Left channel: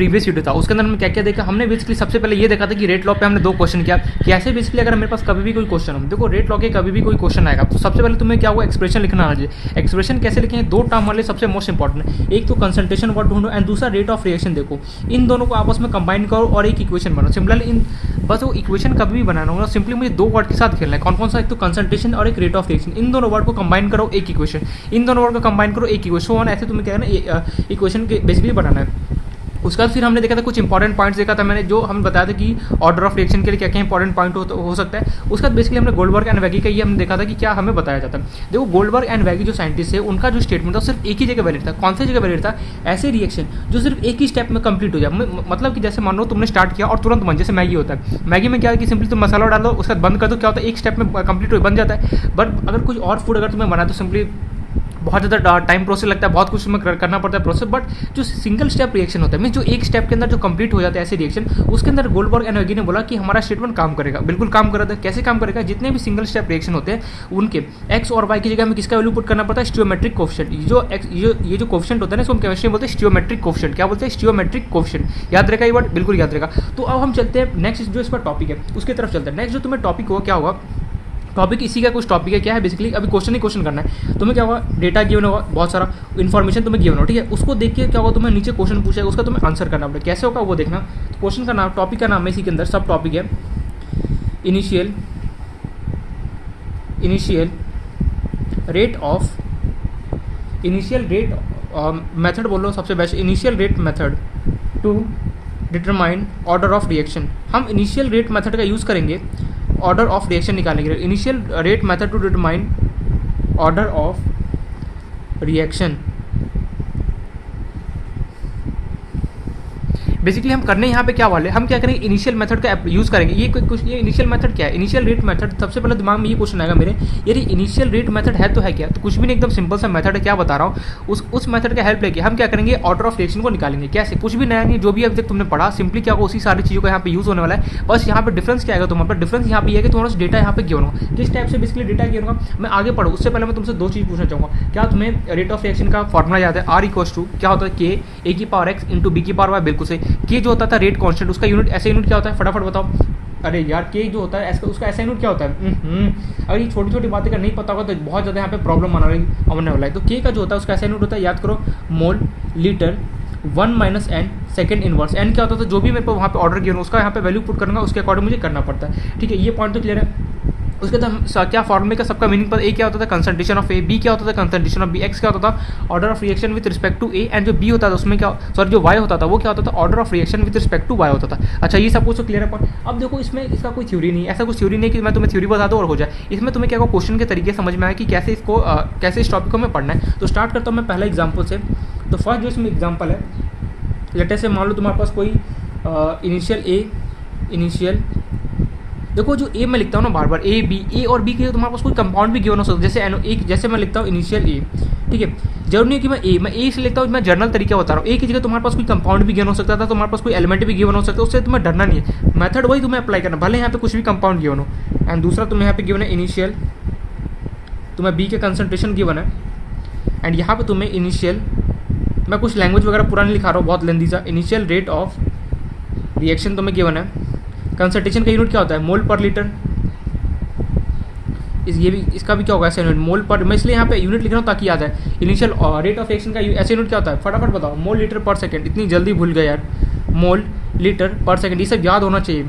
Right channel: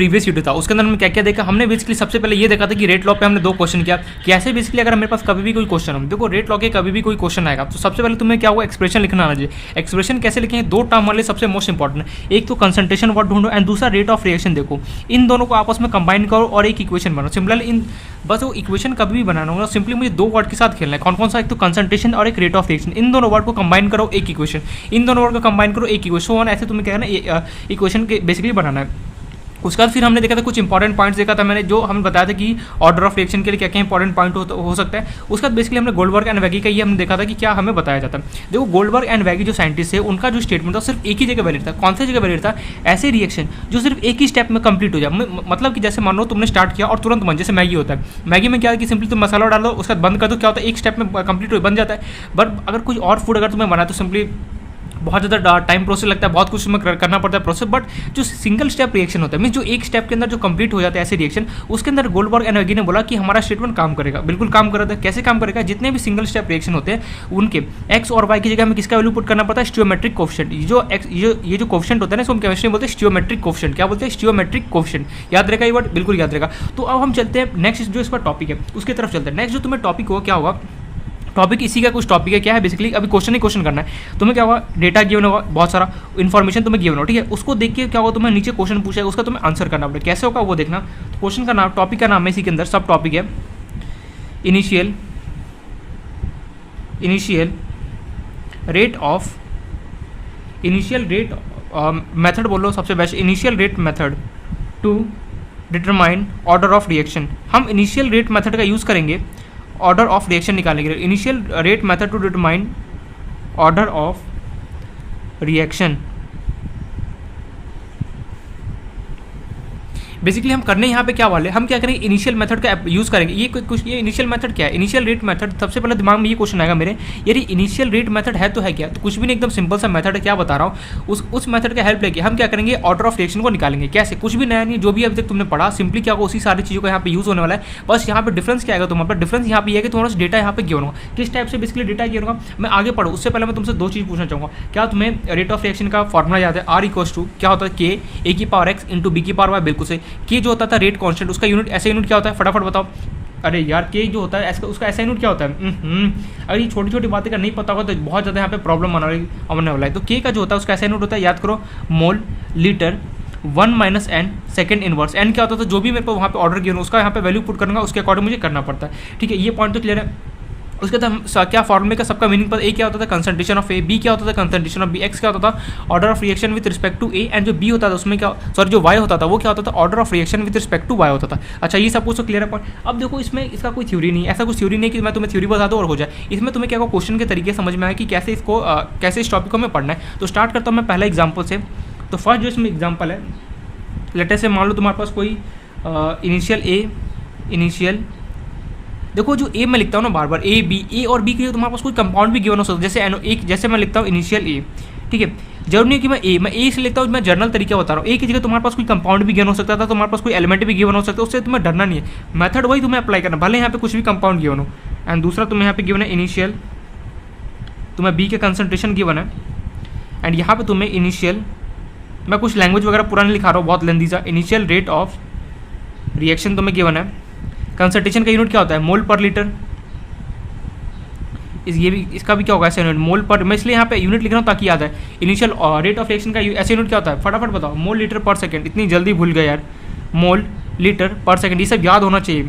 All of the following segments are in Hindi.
प्रीवियस वीडियो था उसके अंदर हमने क्या क्या देखा, हमने बेसिकली सबसे पहले ये देखा था कि रेट लॉ पे हमने 2 क्वेश्चन किया कि ऐसे बेसिकली अगर मेरे पास कभी भी कोई क्वेश्चन हो, देखो रेट लॉ के कभी भी कोई क्वेश्चन आएगा तो सबसे पहले तुम्हें क्या हुआ, एक्सप्रेशन लिखना आना चाहिए। एक्सप्रेशन कैसे लिखें, 2 टर्म वाले सबसे मोस्ट इंपॉर्टेंट है, एक तो कंसंट्रेशन वर्ड ढूंढो एंड दूसरा रेट ऑफ रिएक्शन। देखो इन दोनों को आपस में कंबाइन करो और एक इक्वेशन बनाओ। सिंपल इन बस वो इक्वेशन कभी भी बनाना होगा, सिंपली मुझे 2 वर्ड के साथ खेलना है। कौन कौन सा, एक तो कंसंट्रेशन और एक रेट ऑफ रिएक्शन। इन दोनों वर्ड को कंबाइन करो एक इक्वेशन, इन दोनों वर्ड को कंबाइन करो एक इक्वेशन। ऐसे तुम्हें क्या है ना इक्वेशन के बेसिकली बनाना है। उसके बाद फिर हमने देखा था कुछ इंपॉर्टेंट पॉइंट्स देखा था मैंने, जो हम बताया था कि ऑर्डर ऑफ रिएक्शन के लिए क्या क्या इंपॉर्टेंट पॉइंट हो सकता है। उसके बाद बेसिकली हमने गोल्डबर्ग एंड वैगी का ये हमने देखा था कि क्या हमें बताया जाता है। देखो गोल्डबर्ग एंड वैगी जो साइंटिस्ट है उनका जो स्टेटमेंट था सिर्फ एक ही जगह वैलिड था। कौन सी जगह वैलिड था, ऐसे रिएक्शन जो सिर्फ एक ही स्टेप में कंप्लीट हो जाए। मतलब कि जैसे मान लो तुमने स्टार्ट किया और तुरंत बन, जैसे मैगी होता है, मैगी में क्या है कि सिंपली तुम मसाला डालो उसके बाद बंद कर दो, क्या होता है एक स्टेप में कंप्लीट बन जाता है। बट अगर कुछ और फूड अगर तुम्हें बना तो सिंपली बहुत ज़्यादा टाइम प्रोसेस लगता है, बहुत कुछ उसमें करना पड़ता है प्रोसेस। बट जो सिंगल स्टेप रिएक्शन होता है, मीन जो एक स्टेप के अंदर जो कंप्लीट हो जाता है ऐसे रिएक्शन, उसके अंदर गोल्डबर्ग एंड वैगी ने बोला कि हमारा स्टेटमेंट काम करेगा, बिल्कुल काम कर रहा था। कैसे काम करेगा, जितने भी सिंगल स्टेप रिएक्शन होते हैं उनके एक्स और वाई की जगह हमें किसका वैल्यू पुट करना पड़ता है, स्टियोमेट्रिक कोफिशिएंट। ये जो कोफिशिएंट होता है ना इसको हम केमिस्ट्री में बोलते हैं स्टियोमेट्रिक कोफिशिएंट। क्या बोलते हैं, स्टियोमेट्रिक कोफिशिएंट। याद रहेगा ये वर्ड, बिल्कुल याद रहेगा। तो अब हम चलते हैं नेक्स्ट जो इस पर टॉपिक है उसकी तरफ चलते हैं। नेक्स्ट जो तुम्हें टॉपिक होगा क्या होगा, टॉपिक इसी का कुछ टॉपिक है, क्या है बेसिकली अभी क्वेश्चन ही क्वेश्चन करना है। तुम्हें क्या होगा, डेटा गिवन होगा, बहुत सारा इन्फॉर्मेशन तुम्हें गिवन होगा, ठीक है। उसको देख के क्या होगा, तुम्हें नीचे क्वेश्चन पूछेगा, उसका तुम्हें आंसर करना पड़ेगा। कैसे होगा वो देखना। तो क्वेश्चन का नाम, टॉपिक का नाम है, इसी के अंदर सब टॉपिक है इनिशियल रेट मेथड बोलो सबसे best, initial rate method to determine order of reaction. हम इनिशियल रेट मेथड का यूज़ करेंगे ऑर्डर ऑफ रिएक्शन निकालने के लिए। Initial rate method to determine order of reaction. Basically हम करने यहाँ पे क्या वाले, हम क्या करेंगे, इनिशियल मेथड का यूज़ करेंगे। ये इनिशियल मेथड क्या है, इनिशियल रेट मेथड। सबसे पहले दिमाग में ये क्वेश्चन आएगा मेरे, यानी इनिशियल रेट मेथड है तो है क्या, तो कुछ भी नहीं, एकदम सिंपल सा मेथड है। क्या बता रहा हूँ, उस मेथड का हेल्प लेके हम क्या करेंगे, ऑर्डर ऑफ रिएक्शन को निकालेंगे। कैसे, कुछ भी नया नहीं, जो भी अभी तक तुमने पढ़ा सिंपली क्या होगा उसी सारी चीज़ों का यहाँ पे यूज़ होने वाला है। बस यहाँ पे डिफरेंस क्या आएगा तुम्हारे पास, डिफरेंस यहाँ पे है कि तुम्हारा डेटा यहाँ पे गिवन होगा, किस टाइप से बेसिकली डेटा गिवन होगा। मैं आगे पढ़ूँ उससे पहले मैं तुमसे 2 चीज़ पूछना चाहूँगा। क्या तुम्हें रेट ऑफ रिएक्शन का फॉर्मुला याद है, आर इक्वल्स टू क्या होता है, के ए की पावर एक्स इंटू बी की पावर वाई। बिल्कुल सही। के जो होता था रेट कांस्टेंट, उसका यूनिट ऐसा यूनिट क्या होता है, फटाफट बताओ। अरे यार के जो होता है उसका ऐसा यूनिट क्या होता है। अगर ये छोटी छोटी बातें का नहीं पता होगा तो बहुत ज़्यादा यहाँ पे प्रॉब्लम आने वाला है। तो के का जो होता है उसका ऐसा यूनिट होता है, याद करो, mole litre 1 minus n second inverse. N क्या होता है, तो जो भी मेरे को वहाँ पे ऑर्डर किया उसका यहाँ पे वैल्यू पुट करूँगा, उसके अकॉर्डिंग मुझे करना पड़ता है, ठीक है। ये पॉइंट तो क्लियर है। उसके बाद क्या फॉर्मूले का सबका मीनिंग पर, ए क्या होता था, कंसंट्रेशन ऑफ ए, बी क्या होता था, कंसंट्रेशन ऑफ बी, एक्स क्या होता था, order of reaction with respect to a, and जो बी होता था उसमें क्या, सॉरी जो वाई होता था वो क्या होता था, order of reaction with respect to y होता था। अच्छा ये सब कुछ तो क्लियर है पॉइंट। अब देखो इसमें इसका कोई थ्योरी नहीं है, ऐसा कुछ थ्योरी नहीं कि मैं तुम्हें थ्योरी बता दूँ और हो जाए। इसमें तुम्हें क्या क्वेश्चन के तरीके समझ में आए कि कैसे इसको कैसे इस टॉपिक को हमें पढ़ना है। तो स्टार्ट करता हूँ मैं पहले एग्जाम्पल से। तो फर्स्ट जो इसमें एग्जाम्पल है, लेटर से मान लो तुम्हारे पास कोई इनिशियल देखो जो ए मैं लिखता हूँ ना बार बार, ए बी, ए और बी के लिए तुम्हारे पास कोई कंपाउंड भी गिवन हो सकता है। जैसे एक, जैसे मैं लिखता हूँ इनिशियल ए, ठीक है, जरूरी नहीं कि मैं ए से लिखता हूँ, मैं जर्नल तरीका बता रहा हूँ। ए की जगह तुम्हारे पास कोई कंपाउंड भी गिवन हो सकता था, तुम्हारे पास कोई एलिमेंट भी गिवन हो सकता है, उससे तुम्हें डरना नहीं है। मेथड वही तुम्हें अप्लाई करना, भले यहाँ पे कुछ भी कंपाउंड गिवन हो। एंड दूसरा तुम्हें यहाँ पे गिवन है इनिशियल, तुम्हें बी के कंसंट्रेशन गिवन है, एंड यहाँ पे तुम्हें इनिशियल, मैं कुछ लैंग्वेज वगैरह पुराने लिखा रहा हूँ बहुत लेंदी सा, इनिशियल रेट ऑफ रिएक्शन तुम्हें गिवन है। कंसंट्रेशन का यूनिट क्या होता है, मोल पर लीटर। ये भी, इसका भी क्या होगा ऐसे यूनिट, मोल पर। मैं इसलिए यहाँ पे यूनिट लिख रहा हूँ ताकि याद है। इनिशियल रेट ऑफ रिएक्शन का ऐसे यूनिट क्या होता है, फटाफट बताओ, मोल लीटर पर सेकंड। इतनी जल्दी भूल गए यार, मोल लीटर पर सेकंड, ये सब याद होना चाहिए।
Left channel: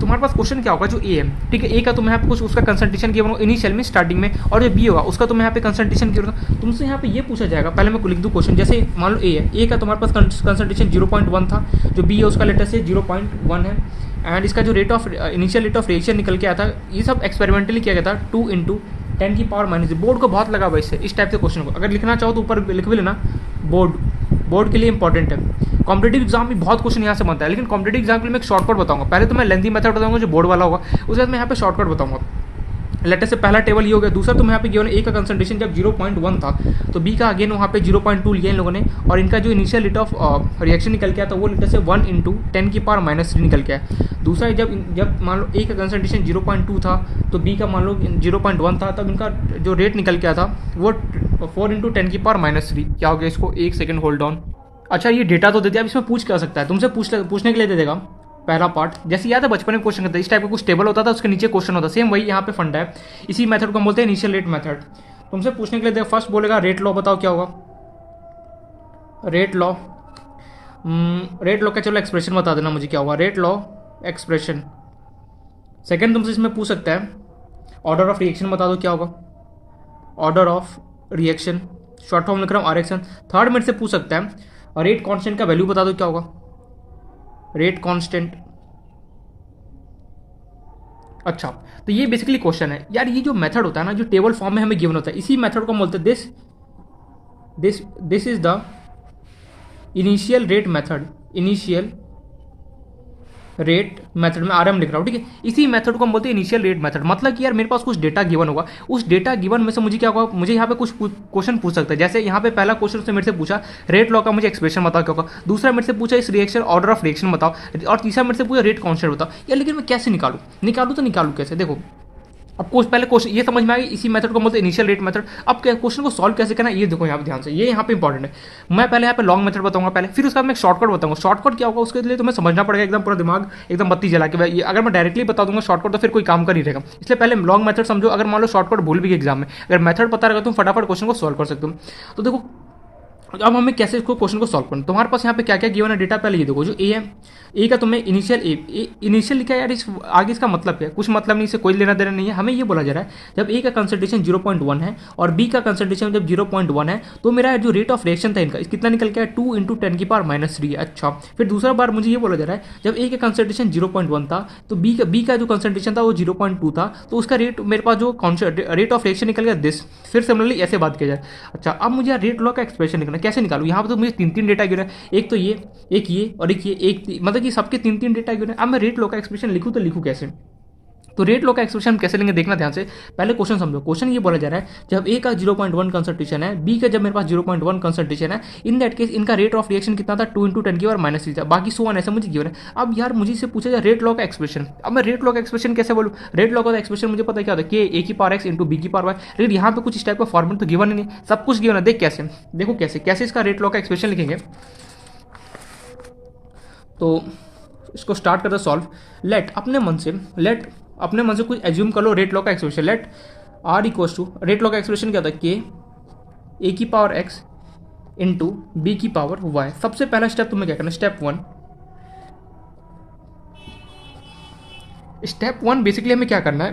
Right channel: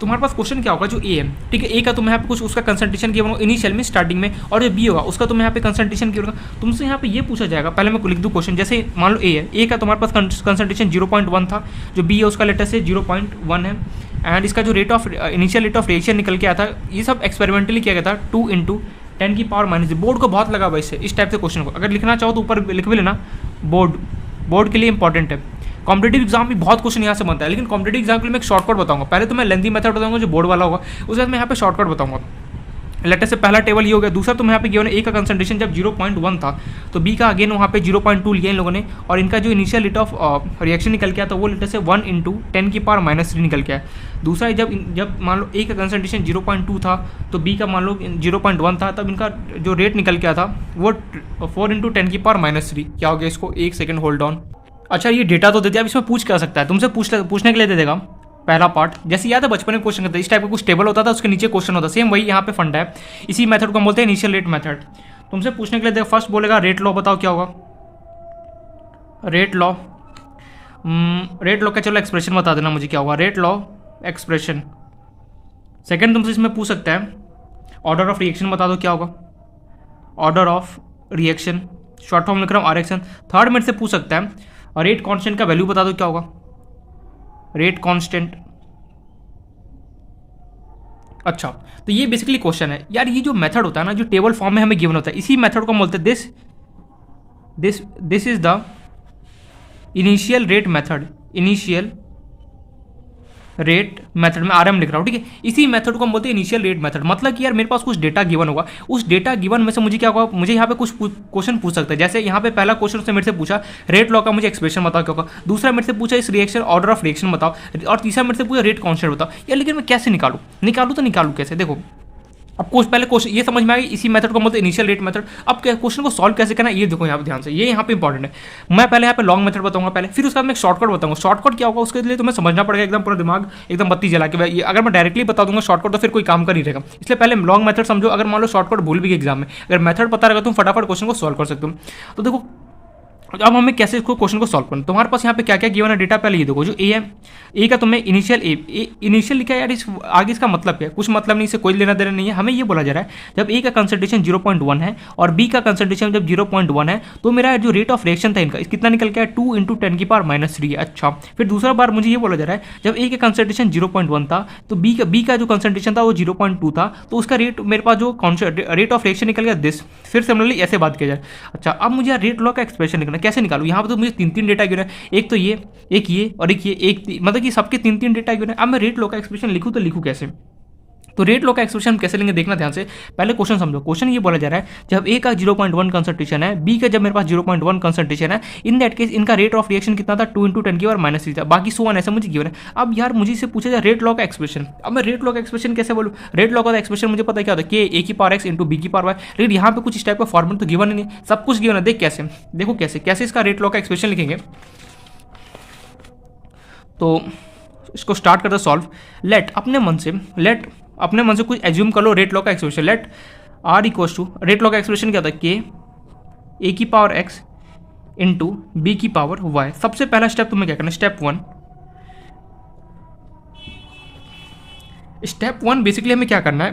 तुम्हारे पास क्वेश्चन क्या होगा, जो ए है, ठीक है, ए का तुम्हें यहाँ पे कुछ उसका कंसंट्रेशन किया होगा इनिशियल में स्टार्टिंग में, और जो बी होगा उसका तुम्हें यहाँ पे कंसंट्रेशन किया होगा। तुमसे यहाँ पे ये पूछा जाएगा, पहले मैं लिख दूँ क्वेश्चन। जैसे मान लो ए है, ए का तुम्हारे पास कंसंट्रेशन 0.1 था, जो बी है उसका लेटर से 0.1 है, एंड इसका जो rate of initial rate of reaction निकल के आया था, ये सब एक्सपेरिमेंटली किया गया था 2 × 10 की पावर माइनस। बोर्ड को बहुत लगा वैसे इस टाइप से क्वेश्चन को, अगर लिखना चाहो तो ऊपर लिख भी लेना, बोर्ड के लिए इंपॉर्टेंट है। कॉम्पिटेटिव एग्जाम में बहुत क्वेश्चन यहाँ से बनता है, लेकिन कॉम्पिटेटिव एग्जाम के लिए मैं एक शॉर्टकट बताऊंगा। पहले तो मैं लेंथी मेथड बताऊंगा जो बोर्ड वाला होगा, उसके बाद मैं यहाँ पे शॉर्टकट बताऊंगा। लेटर से पहला टेबल ये हो गया। दूसरा तुम्हें यहाँ पे गिवन है ए का कंसंट्रेशन जब 0.1 था, तो बी का अगेन वहाँ पे 0.2 लिया इन लोगों ने, और इनका जो इनिशियल रेट ऑफ रिएक्शन निकल के आया तो वो लेटर से 1 × 10 की पावर -3 निकल के आया। दूसरा जब मान लो ए का कंसंट्रेशन 0.2 था तो बी का मान लो 0.1 था, तब इनका जो रेट निकल के आया था वो 4 × 10 की पावर -3। क्या हो गया, इसको एक सेकेंड होल्ड ऑन, अच्छा ये डेटा तो दे दिया, अब इसमें पूछ क्या सकता है, तुमसे पूछने के लिए दे देगा। पहला पार्ट जैसे याद है बचपन में क्वेश्चन करते इस टाइप का कुछ टेबल होता था, उसके नीचे क्वेश्चन होता, सेम वही यहाँ पे फंडा है। इसी मेथड को हम बोलते हैं इनिशियल रेट मेथड। तुमसे पूछने के लिए देखो, फर्स्ट बोलेगा रेट लॉ, बताओ क्या होगा रेट लॉ। रेट लॉ का चलो एक्सप्रेशन बता देना मुझे क्या होगा रेट लॉ एक्सप्रेशन। सेकंड तुमसे इसमें पूछ सकता है ऑर्डर ऑफ रिएक्शन, बता दो क्या होगा order of reaction, short form लिख रहा हूँ आरएक्शन। थर्ड मेरे से पूछ सकता है रेट कांस्टेंट का वैल्यू बता दो क्या होगा रेट कांस्टेंट। अच्छा तो ये बेसिकली क्वेश्चन है यार। ये जो मेथड होता है ना, जो टेबल फॉर्म में हमें गिवन होता है, इसी मेथड को हम बोलते हैं this is the initial rate method. Initial rate method में आरएम लिख रहा हूँ, ठीक है। इसी मेथड को हम बोलते हैं इनिशियल रेट मेथड। मतलब कि यार मेरे पास कुछ डेटा गिवन होगा, उस डेटा गिवन में से मुझे क्या होगा, मुझे यहाँ पे कुछ क्वेश्चन पूछ सकता है। जैसे यहाँ पे पहला क्वेश्चन उसने मेरे से पूछा रेट लॉ का मुझे एक्सप्रेशन बताओ क्या होगा, दूसरा मेरे से पूछा इस रिएक्शन ऑर्डर ऑफ रिएक्शन बताओ, और तीसरा मेरे से पूछा रेट कांस्टेंट बताओ। यार लेकिन मैं कैसे निकालूँ तो निकालूँ कैसे। देखो अब पहले क्वेश्चन ये समझ में आ गई, इसी मेथड को बोलते हैं इनिशियल रेट मेथड। अब क्या क्वेश्चन को सॉल्व कैसे करना है ये देखो यहाँ पे ध्यान से, ये यहाँ पे इंपॉर्टेंट है। मैं पहले यहाँ पे लॉन्ग मेथड बताऊंगा पहले, फिर उसके बाद मैं शॉर्टकट बताऊंगा। शॉर्टकट क्या होगा उसके लिए तुम्हें समझना पड़ेगा एकदम, पूरा दिमाग एकदम बत्ती जला के। भाई अगर मैं डायरेक्टली बता दूंगा शॉर्टकट तो फिर कोई काम का नहीं रहेगा, इसलिए पहले लॉन्ग मेथड समझो। अगर मान लो शॉर्टकट भूल भी गए एग्जाम में, अगर मेथड पता रहेगा तुम फटाफट क्वेश्चन को सॉल्व कर सकते हो। तो देखो अब हमें कैसे इसको क्वेश्चन को सॉल्व करना। तुम्हारे पास यहाँ पे क्या क्या गिवन है डेटा, पहले ये देखो जो ए है, ए का तुम्हें इनिशियल इनिशियल लिखा है यार, इस आगे इसका मतलब क्या है, कुछ मतलब नहीं, इससे कोई लेना देना नहीं है। हमें ये बोला जा रहा है जब ए का कंसंट्रेशन 0.1 है और बी का कंसंट्रेशन जब 0.1 है तो मेरा जो रेट ऑफ रिएक्शन था इनका कितना निकल गया है 2 × 10⁻³ है। अच्छा फिर दूसरा बार मुझे ये बोला जा रहा है जब ए का कंसंट्रेशन 0.1 था तो बी का जो कंसंट्रेशन था वो 0.2 था, तो उसका रेट मेरे पास जो रेट ऑफ रिएक्शन निकल गया दिस। फिर सिमिलरली ऐसे बात किया जाए। अच्छा अब मुझे रेट लॉ का एक्सप्रेशन लिखना, कैसे निकालूं। यहाँ पर तो मुझे 3 डेटा गिवन है, एक तो ये, एक ये और एक ये, मतलब कि सबके 3 डेटा गिवन है। अब मैं रेट लॉ का एक्सप्रेशन लिखूँ तो लिखूँ कैसे। तो रेट लॉ का एक्सप्रेशन हम कैसे लेंगे देखना ध्यान से। पहले क्वेश्चन समझो। क्वेश्चन ये बोला जा रहा है जब ए का 0.1 कंसंट्रेशन है, बी का जब मेरे पास 0.1 कंसंट्रेशन है, इन दैट केस इनका रेट ऑफ रिएक्शन कितना था 2 × 10⁻³ था, बाकी 100 ऐसा मुझे गिवन है। अब यार मुझे इससे पूछा जाए रेट लॉ का एक्सप्रेशन। अब मैं रेट लॉ का एक्सप्रेशन कैसे बोलूँ। रेट लॉ का एक्सप्रेशन मुझे पता क्या होता है कि a⁻x × b⁻y। रेट यहाँ पे कुछ इस टाइप का फॉर्मेट तो गिवन ही नहीं, सब कुछ गिवन है। देख कैसे, देखो कैसे इसका रेट लॉ का एक्सप्रेशन लिखेंगे। तो इसको स्टार्ट करते सॉल्व। लेट अपने मन से कुछ एज्यूम कर लो रेट लॉ का expression. Let r equal to, rate law का एक्सप्रेशन क्या था के a⁻x × b⁻y। सबसे पहला स्टेप तुम्हें क्या करना है, स्टेप वन बेसिकली हमें क्या करना है,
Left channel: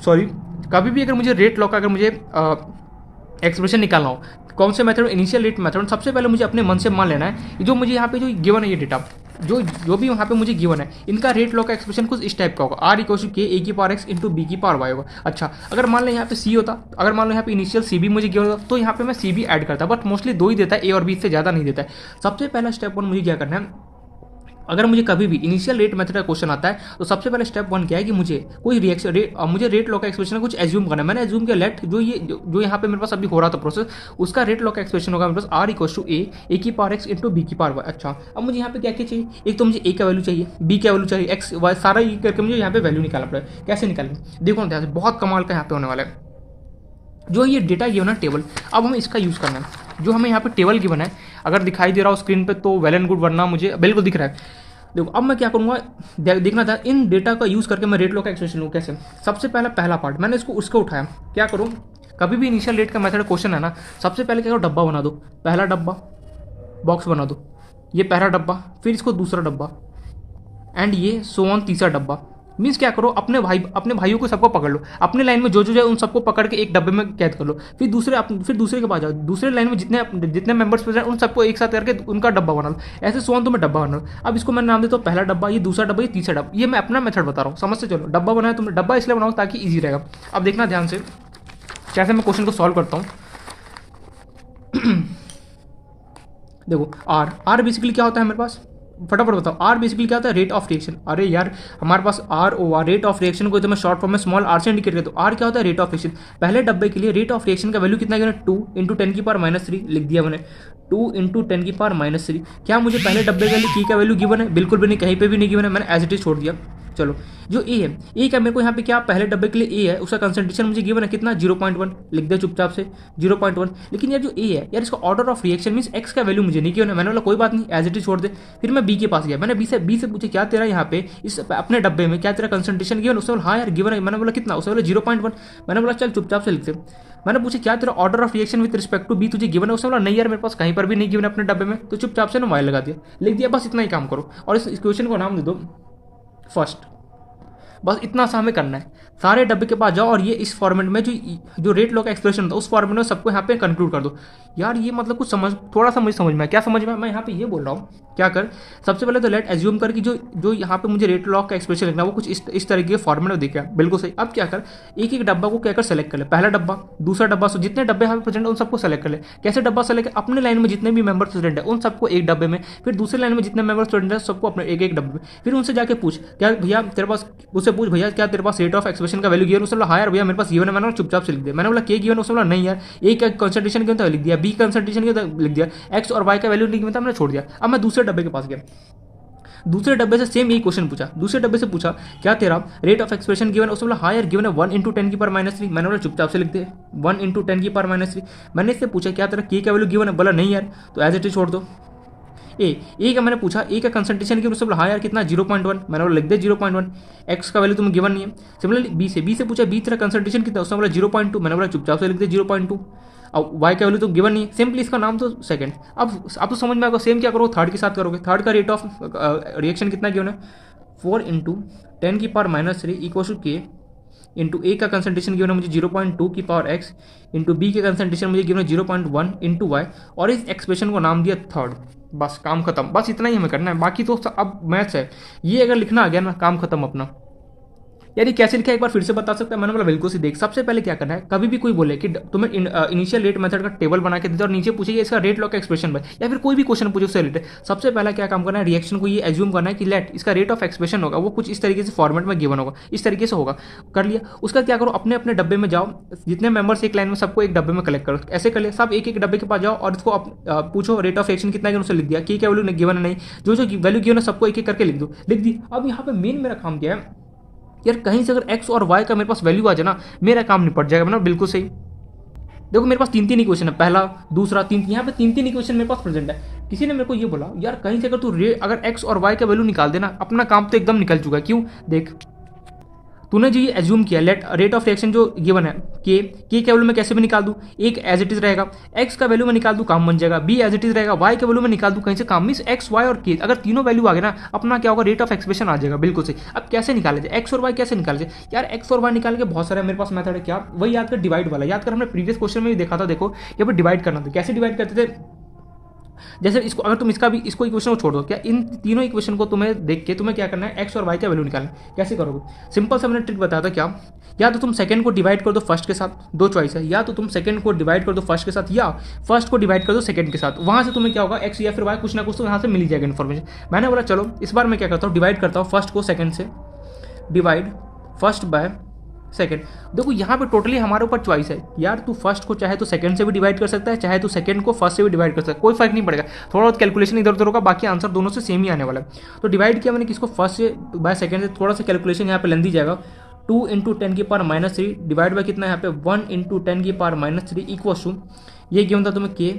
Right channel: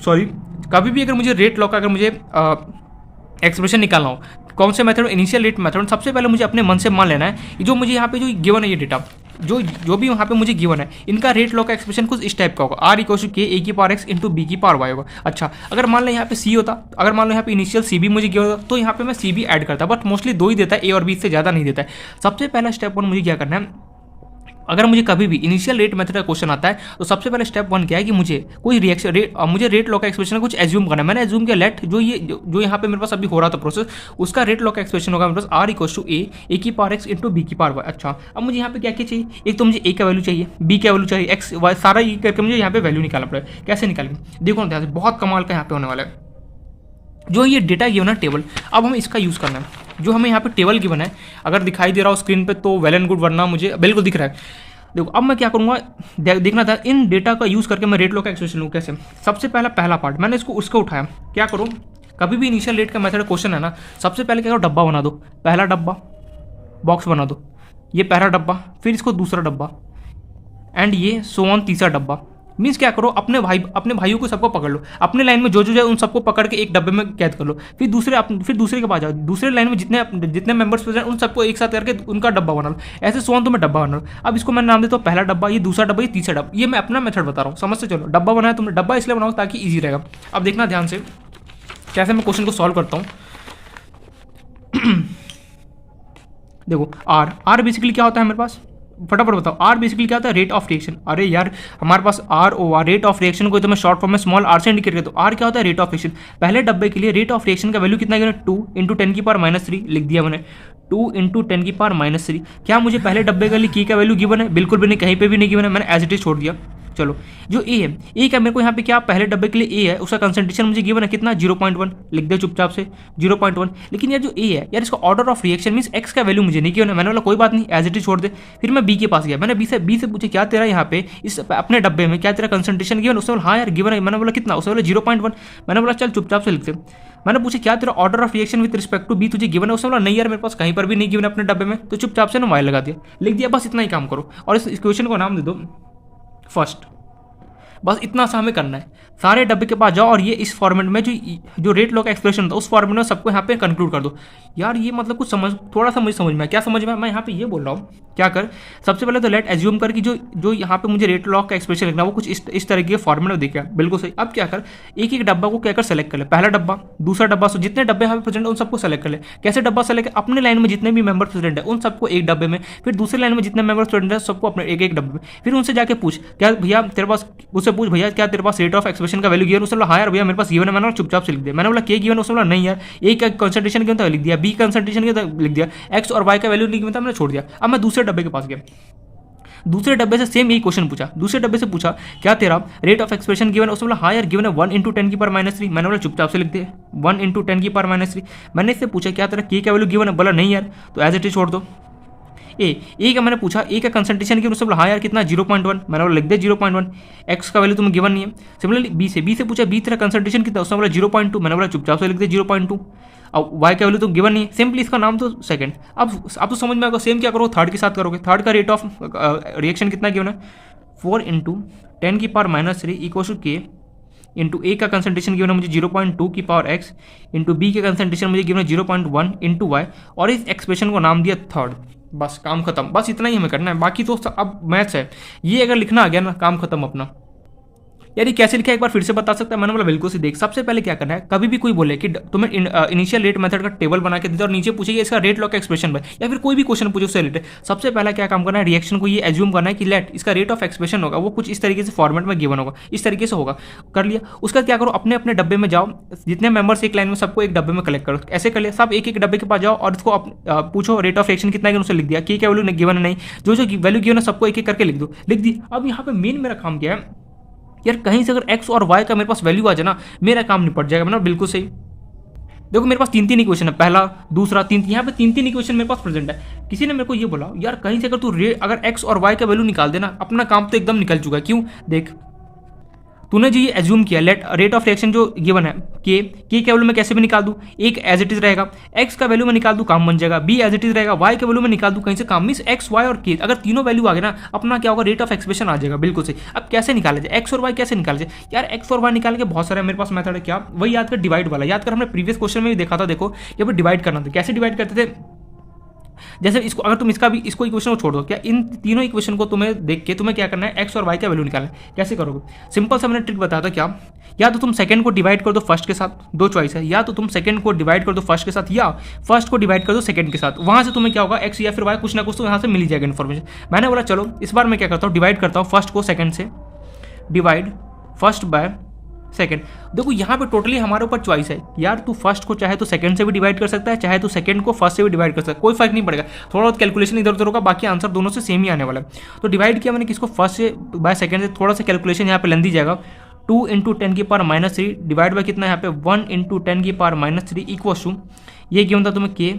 सॉरी कभी भी अगर मुझे रेट लॉ का अगर मुझे एक्सप्रेशन निकालना हो, कौन से मेथड, इनिशियल रेट मेथड, सबसे पहले मुझे अपने मन से मान लेना है जो मुझे यहाँ पे जो गिवन है ये डेटा जो भी यहाँ पे मुझे गिवन है इनका रेट लॉ का एक्सप्रेशन कुछ इस टाइप का होगा। आर इक्वल टू के a⁻x × b⁻y होगा। अच्छा अगर मान लो यहाँ पे सी होता, अगर मान लो यहाँ पे इनिशियल सी भी मुझे गिवन होता तो यहाँ पे मैं सी भी ऐड करता, बट मोस्टली 2 ही देता है, ए और बी से ज़्यादा नहीं देता है। सबसे पहला स्टेप वन मुझे क्या करना है, अगर मुझे कभी भी इनिशियल रेट मेथड का क्वेश्चन आता है तो सबसे पहले स्टेप वन क्या है कि मुझे कोई रिएक्शन मुझे रेट लॉ का एक्सप्रेशन कुछ एज्यूम करना है। मैंने एज्यूम किया लेट जो यहाँ पे मेरे पास अभी हो रहा था प्रोसेस, उसका रेट लॉ का एक्सप्रेशन होगा मेरे पास are equal to a⁻x × b⁻y। अच्छा अब मुझे यहाँ पे क्या क्या चाहिए, एक तो मुझे a का वैल्यू चाहिए, b का वैल्यू चाहिए, x y सारा ये करके मुझे यहाँ पे वैल्यू निकालना पड़ेगा। कैसे निकालेंगे देखो ध्यान से, बहुत कमाल का यहाँ पे होने वाला है। जो ये डेटा गिवन है टेबल, अब हमें इसका यूज़ करना है। जो हमें यहाँ पे टेबल गिवन है, अगर दिखाई दे रहा हो स्क्रीन पे तो वेल एंड गुड, वरना मुझे बिल्कुल दिख रहा है। देखो अब मैं क्या करूँगा, देखना था इन डेटा का यूज़ करके मैं रेट लॉ का एक्सप्रेशन लूँ कैसे। सबसे पहला पार्ट मैंने उसको उठाया। क्या करूँ, कभी भी इनिशियल रेट का मेथड क्वेश्चन है ना, सबसे पहले क्या करो, डब्बा बना दो। पहला डब्बा बॉक्स बना दो, ये पहला डब्बा, फिर इसको दूसरा डब्बा, एंड ये सो ऑन तीसरा डब्बा। मीन्स क्या करो, अपने भाइयों को सबको पकड़ लो, अपने लाइन में जो जाए उन सबको पकड़ के एक डब्बे में कैद कर लो। फिर दूसरे के पास जाओ, दूसरे लाइन में जितने मेंबर्स जाए उन सबको एक साथ करके उनका डब्बा बना लो। ऐसे सोन तुम्हें डब्बा बना लो। अब इसको मैं नाम देता हूँ पहला डब्बा, ये दूसरा डब्बा, ये तीसरा डब्बा। ये मैं अपना मेथड बता रहा हूँ, समझ से चलो। डब्बा बनाया तुमने, डब्बा इसलिए बनाओ ताकि ईजी रहेगा। अब देखना ध्यान से कैसे मैं क्वेश्चन को सॉल्व करता हूँ। देखो आर बेसिकली क्या होता है मेरे पास, फटाफट बताओ। आर बेसिकली क्या होता है, रेट ऑफ रिएक्शन। अरे यार हमारे पास R O R, rate of reaction को तो मैं शॉर्ट फॉर्म में स्मॉल आर से इंडिकेट करता हूँ। आर क्या होता है, रेट ऑफ रिएक्शन। पहले डब्बे के लिए रेट ऑफ रिएक्शन का वैल्यू कितना गिवन है, 2 × 10⁻³ लिख दिया मैंने, 2 × 10⁻³। क्या मुझे पहले डब्बे के लिए की का वैल्यू गिवन है, बिल्कुल भी नहीं, कहीं पे भी नहीं गिवन है, मैंने एज इट इज छोड़ दिया। चलो जो ए है, ए का मेरे को यहाँ पे क्या पहले डब्बे के लिए ए है, उसका कंसंट्रेशन मुझे गिवन है कितना 0.1, लिख दे चुपचाप से 0.1। लेकिन यार जो ए है यार, इसका order of reaction means x का वैल्यू मुझे नहीं गिवन है। मैंने बोला कोई बात नहीं, एज इट इज छोड़ दे। फिर मैं बी के पास गया, मैंने बी से पूछे क्या तेरा यहाँ पे इस अपने डब्बे में क्या तेरा कंसंट्रेशन गिवन, उसने बोला हाँ यार गिवन है। मैंने बोला कितना, उसने बोला 0.1। मैंने बोला चल चुपचाप से लिख दे। मैंने पूछा क्या तेरा order of reaction with respect to b तुझे गिवन है, उसने बोला नहीं यार मेरे पास कहीं पर भी नहीं गिवन अपने डब्बे में। तो चुपचाप से ना वाई लगा दिया, लिख दिया, बस इतना ही काम करो। और इस इक्वेशन को नाम दे दो फर्स्ट। बस इतना सा हमें करना है। सारे डब्बे के पास जाओ और ये इस फॉर्मेट में जो रेट लॉ का एक्सप्रेशन था उस फॉर्मेट में सबको यहाँ पे कंक्लूड कर दो। यार ये मतलब कुछ थोड़ा सा मुझे समझ में आया। क्या समझ में आया? मैं यहाँ पे ये बोल रहा हूँ क्या कर, सबसे पहले तो लेट एज्यूम कर कि जो यहाँ पे मुझे रेट लॉ का एक्सप्रेशन लिखना है वो कुछ इस तरह के फॉर्मेट में दिखा, बिल्कुल सही। अब क्या कर, एक एक डब्बा को क्या कर सेलेक्ट कर ले, पहला डब्बा, दूसरा डब्बा, जितने डब्बे यहाँ पे प्रेजेंट है उन सबको सेलेक्ट कर ले। कैसे डब्बा सेलेक्ट, अपने लाइन में जितने भी मेंबर प्रेजेंट है उन सबको एक डब्बे में, फिर दूसरी लाइन में जितने मेंबर प्रेजेंट है सबको अपने एक एक डब्बे में। फिर उनसे जाके पूछ क्या भैया तेरे पास, उससे पूछ भैया क्या तेरे पास रेट ऑफ एक्सप्रेशन का वैल्यू गिवन, उसने बोला हाँ यार भैया मेरे पास गिवन है। मैंने चुपचाप से लिख दिया। मैंने बोला के गिवन, उसने बोला नहीं यार ए का कंसंट्रेशन गिवन था लिख दिया, बी कंसंट्रेशन गिवन था लिख दिया, एक्स और वाई का वैल्यू नहीं गिवन था मैंने छोड़ दिया। अब मैं दूसरे डब्बे के पास गया, दूसरे डब्बे से सेम यही क्वेश्चन पूछा। दूसरे डब्बे से पूछा क्या तेरा रेट ऑफ एक्सप्रेशन गिवन है, उसने बोला हाँ यार गिवन है 1 × 10⁻³ मैंने बोला चुपचाप से लिख दे 1 × 10⁻³। मैंने इससे पूछा क्या तेरा के का वैल्यू गिवन है, बोला नहीं यार, तो एज इट इज छोड़ दो। ए का मैंने पूछा ए का कंसंट्रेशन गिवन, उसने बोला हाँ यार कितना 0.1, मैंने बोला लिख दे 0.1। एक्स का वैल्यू तुम्हें गिवन नहीं है। सिमिलरली बी से पूछा बी तेरा कंसंट्रेशन कितना, उसने बोला 0.2, मैंने बोला चुपचाप से लिख दे 0.2। अब वाई का वैल्यू तो गिवन नहीं है, सिंपली इसका नाम तो सेकंड। अब तो समझ में आएगा, सेम क्या करो थर्ड के साथ करोगे। थर्ड का रेट ऑफ रिएक्शन कितना गिवन है 4 × 10⁻³ इक्वल टू के इंटू ए का कंसंट्रेशन गिवन है मुझे 0.2 की पावर एक्स इंटू बी के कंसंट्रेशन मुझे गिवन है 0.1 इंटू वाई, और इस एक्सप्रेशन को नाम दिया थर्ड। बस काम खत्म, बस इतना ही हमें करना है। बाकी तो अब मैथ्स है, ये अगर लिखना आ गया ना काम खत्म अपना। यार ये कैसे लिखा है एक बार फिर से बता सकता है? मैंने बोला बिल्कुल से देख। सबसे पहले क्या करना है, कभी भी कोई बोले कि तुम्हें इनिशियल रेट मेथड का टेबल बना के देते और नीचे पूछे इसका रेट लॉ का एक्सप्रेशन है, या फिर कोई भी क्वेश्चन पूछे उससे रिलेटेड, सबसे पहला क्या काम करना है, रिएक्शन को ये एज्यूम करना है कि लेट इसका रेट ऑफ एक्सप्रेशन होगा वो कुछ इस तरीके से फॉर्मेट में गिवन होगा, इस तरीके से होगा। कर लिया, उसका क्या करो अपने अपने डब्बे में जाओ, जितने मेंबर्स एक लाइन में सबको एक डब्बे में कलेक्ट करो। ऐसे कर लिया, सब एक एक डब्बे के पास जाओ और इसको पूछो रेट ऑफ रिएक्शन कितना है, उसे लिख दिया। की क्या वैल्यू गिवन नहीं, जो वैल्यू गिवन है सबको एक एक करके लिख दो, लिख दी। अब यहाँ पे मेन मेरा काम क्या है यार, कहीं से अगर एक्स और वाई का मेरे पास वैल्यू आ जाए ना मेरा काम निपट जाएगा। मतलब बिल्कुल सही। देखो मेरे पास तीन इक्वेशन है, पहला दूसरा तीन, यहाँ पे तीन इक्वेशन मेरे पास प्रेजेंट है। किसी ने मेरे को ये बोला यार कहीं से अगर तू अगर एक्स और वाई का वैल्यू निकाल देना अपना काम तो एकदम निकल चुका है। क्यों? देख तूने जो ये एज्यूम किया लेट रेट ऑफ रिएक्शन जो गिवन है के वैल्यू में कैसे भी निकाल दूं, एक एज इट इज रहेगा, एक्स का वैल्यू में निकाल दूं काम बन जाएगा, बी एज इट इज रहेगा, वाई के वैल्यू में निकाल दूं कहीं से काम, मींस एक्स वाई और के अगर तीनों वैल्यू आ गए ना अपना क्या होगा रेट ऑफ एक्सप्रेशन आ जाएगा। बिल्कुल सही। अब कैसे निकाले जाए एक्स और वाई, कैसे निकाले जाए यार? एक्स और वाई निकाल के बहुत सारे मेरे पास मेथड है। क्या? वही याद कर, डिवाइड वाला याद कर, हमने प्रीवियस क्वेश्चन में भी देखा था। देखो यहाँ पर डिवाइड करना था, कैसे डिवाइड करते थे, जैसे इसको अगर तुम इसको इक्वेशन को छोड़ दो, क्या इन तीनों इक्वेशन को तुम्हें देख के तुम्हें क्या करना है एक्स और वाई का वैल्यू निकालना है। कैसे करोगे? सिंपल सा मैंने ट्रिक बताया था। क्या? या तो तुम सेकंड को डिवाइड कर दो फर्स्ट के साथ, दो चॉइस है, या तो तुम सेकंड को डिवाइड कर दो फर्स्ट के साथ या फर्स्ट को डिवाइड कर दो सेकंड के साथ। वहां से तुम्हें क्या होगा एक्स या फिर वाई कुछ ना कुछ तो यहाँ से मिल जाएगा इन्फॉर्मेशन। मैंने बोला चलो इस बार मैं क्या करता हूँ, डिवाइड करता हूँ फर्स्ट को सेकंड से, डिवाइड फर्स्ट बाय सेकंड। देखो यहाँ पे टोटली हमारे ऊपर चॉइस है यार, तू फर्स्ट को चाहे तो सेकंड से भी डिवाइड कर सकता है, चाहे तो सेकंड को फर्स्ट से भी डिवाइड कर सकता है, कोई फर्क नहीं पड़ेगा। थोड़ा बहुत कैलकुलेशन इधर उधर होगा, बाकी आंसर दोनों से सेम ही आने वाला है। तो डिवाइड किया मैंने किसको, फर्स्ट से बाय सेकंड से, थोड़ा सा कैलकुलेशन यहाँ पे लेंदी जाएगा। 2 × 10⁻³ डिवाइड बाय कितना यहाँ पे 1 × 10⁻³ इक्वल टू ये गिवन था तुम्हें के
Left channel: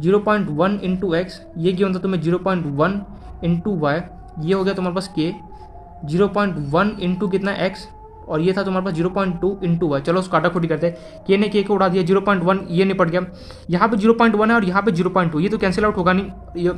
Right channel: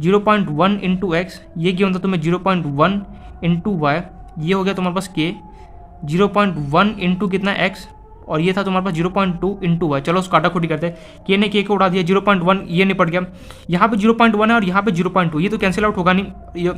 0.1 × एक्स, ये गिवन था तुम्हें 0.1 × वाई, ये हो गया तुम्हारे पास के 0.1 × कितना एक्स, और ये था तुम्हारे पास 0.2 × वाई। चलो उसको काटाकुटी करते हैं, के ने के को उड़ा दिया, 0.1 ये निपट गया, यहाँ पे 0.1 है और यहाँ पे 0.2, ये तो कैंसिल आउट होगा नहीं। ये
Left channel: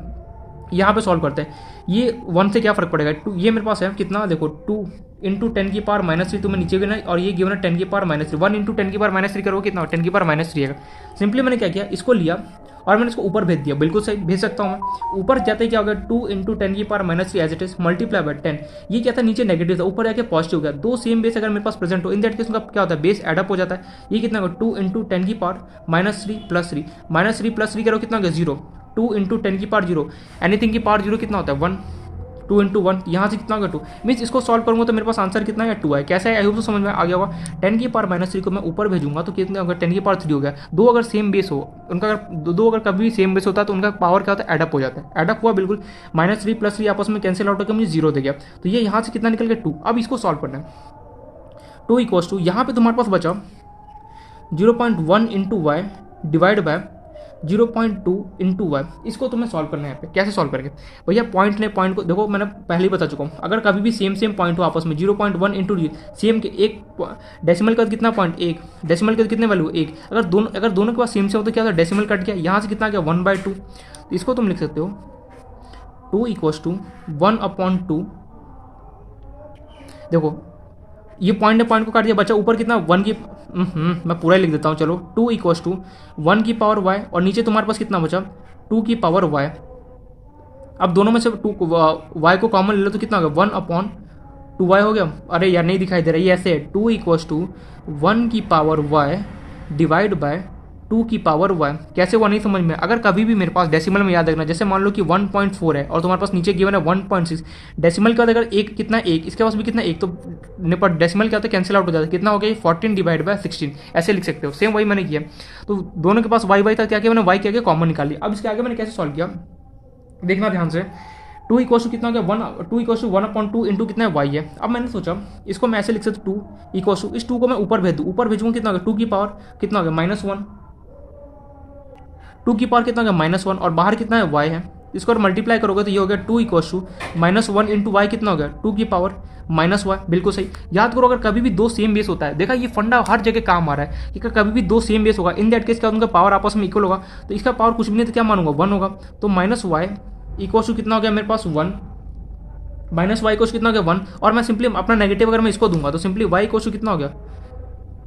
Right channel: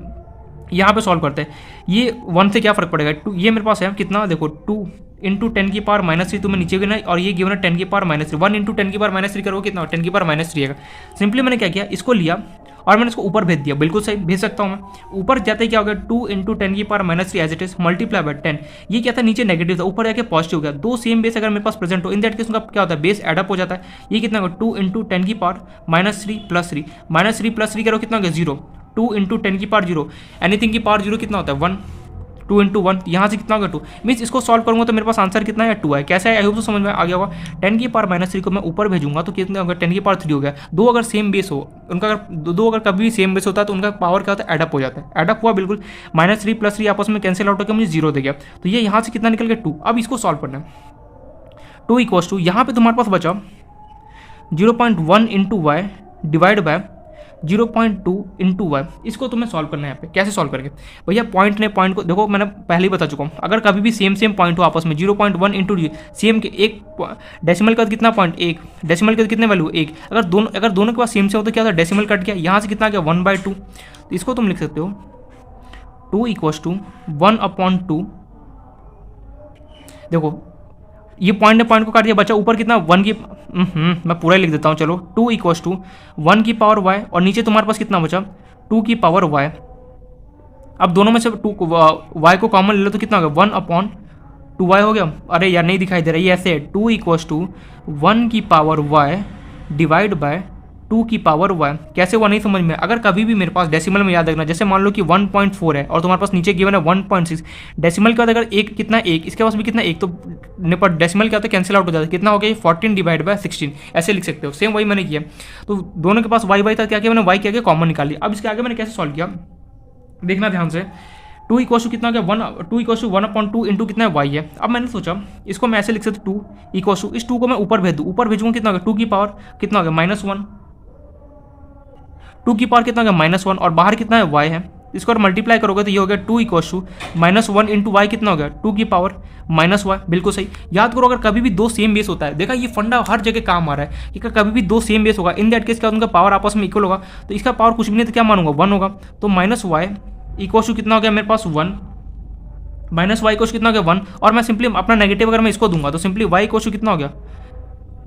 यहाँ पे सॉल्व करते हैं, ये 1 से क्या फर्क पड़ेगा, 2 ये मेरे पास है कितना, देखो 2 × 10⁻³ तुम्हें नीचे गिना और ये गिवन है 10⁻³ 1 × 10⁻³ करोगे कितना 10⁻³ आएगा। सिंपली मैंने क्या किया, इसको लिया और मैंने इसको ऊपर भेज दिया। बिल्कुल सही, भेज सकता हूँ मैं। ऊपर जाते क्या हो गया 2 × 10⁻³ as it is multiply by 10, ये क्या था नीचे नेगेटिव था, ऊपर जाके पॉजिटिव हो गया। दो सेम बेस अगर मेरे पास प्रेजेंट हो इन दैट केस उनका क्या होता है बेस एडअप हो जाता है। ये कितना होगा 2 × 10⁻³ + 3 -3 + 3 करो कितना हो गया 0, 2 × 10⁻⁻, एनीथिंग की पावर 0 कितना होता है 1, 2 इंटू वन, यहाँ से कितना हो गया 2। मीन्स इसको सॉल्व करूँगा तो मेरे पास आंसर कितना है 2 है। कैसा है, आई होप तो समझ में आ गया होगा। 10 की पावर माइनस 3 को मैं ऊपर भेजूंगा तो कितना होगा 10 की पावर 3 हो गया। दो अगर सेम बेस हो उनका, अगर दो अगर कभी सेम बेस होता है तो उनका पावर क्या होता है, एडअप हो जाता है। एडअप हुआ बिल्कुल, -3 + 3 आपस में कैंसिल आउट होकर मुझे 0 दे गया। तो ये यहाँ से कितना निकल गया 2। अब इसको सॉल्व करना है। 2 इक्वल्स टू यहाँ पे तुम्हारे पास बचा 0.1 into y divide by 0.2 into y. इसको तुम्हें सॉल्व करना है यहाँ पे। कैसे सॉल्व करके भैया, पॉइंट ने पॉइंट को देखो, मैंने पहले ही बता चुका हूँ। अगर कभी भी सेम पॉइंट हो आपस में 0.1 इंटू सेम के एक डेसिमल का कितना पॉइंट 1, डेसिमल के कितने वैल्यू 1। अगर दोनों के पास सेम से हो तो क्या होता है, डेसिमल कट गया, यहाँ से कितना गया 1/2। इसको तुम लिख सकते हो 2 इक्वल्स टू 1/2। देखो ये पॉइंट ने पॉइंट को काट दिया, बचा ऊपर कितना 1 की, मैं पूरा ही लिख देता हूँ चलो। 2 इक्वल्स टू 1 की पावर वाई और नीचे तुम्हारे पास कितना बचा 2 की पावर वाई। अब दोनों में से 2 वाई को कॉमन ले लो तो कितना हो गया 1/2y हो गया। अरे यार नहीं दिखाई दे रहा, ये ऐसे है 2 इक्वल्स टू 1 की पावर वाई डिवाइड बाय 2 की पावर वाई। कैसे हुआ नहीं समझ में। अगर कभी भी मेरे पास डेसिमल में याद रखना, जैसे मान लो कि 1.4 है और तुम्हारे पास नीचे गिवन है 1.6, डेसिमल का अगर एक कितना 1, इसके पास भी कितना 1, तो निपट डेसिमल क्या होता है कैंसिल आउट हो जाता है। कितना हो गया 14 डिवाइड बाय 16, ऐसे लिख सकते हो। सेम वही मैंने किया। तो दोनों के पास वाई था, क्या किया मैंने, वाई क्या किया कॉमन निकाल लिया। अब इसके आगे मैंने कैसे सॉल्व किया देखना ध्यान से। 2 इक्वल्स टू कितना हो गया 2 इक्वल्स टू 1/2 इंटू कितना वाई है। अब मैंने सोचा इसको मैं ऐसे लिख सकता हूँ 2 इक्वल्स टू, इस 2 को मैं ऊपर भेज दूँ, ऊपर भेजूंगा कितना हो गया 2 की पावर कितना हो गया -1, 2 की पावर कितना हो गया -1 और बाहर कितना है y है। इसको मल्टीप्लाई करोगे तो ये हो गया 2 इक्वल्स टू -1 इंटू वाई कितना हो गया 2 की पावर -y। बिल्कुल सही। याद करो अगर कभी भी दो सेम बेस होता है, देखा ये फंडा हर जगह काम आ रहा है कि कभी भी दो सेम बेस होगा, इन दैट केस क्या उनका पावर आपस में इक्वल होगा, तो इसका पावर कुछ भी नहीं तो क्या मानूंगा 1 होगा। तो -y इक्वल्स टू कितना हो गया मेरे पास 1, -y इक्वल्स कितना हो गया 1, और मैं सिंपली अपना नेगेटिव अगर मैं इसको दूंगा तो सिंपली y इक्वल्स टू कितना हो गया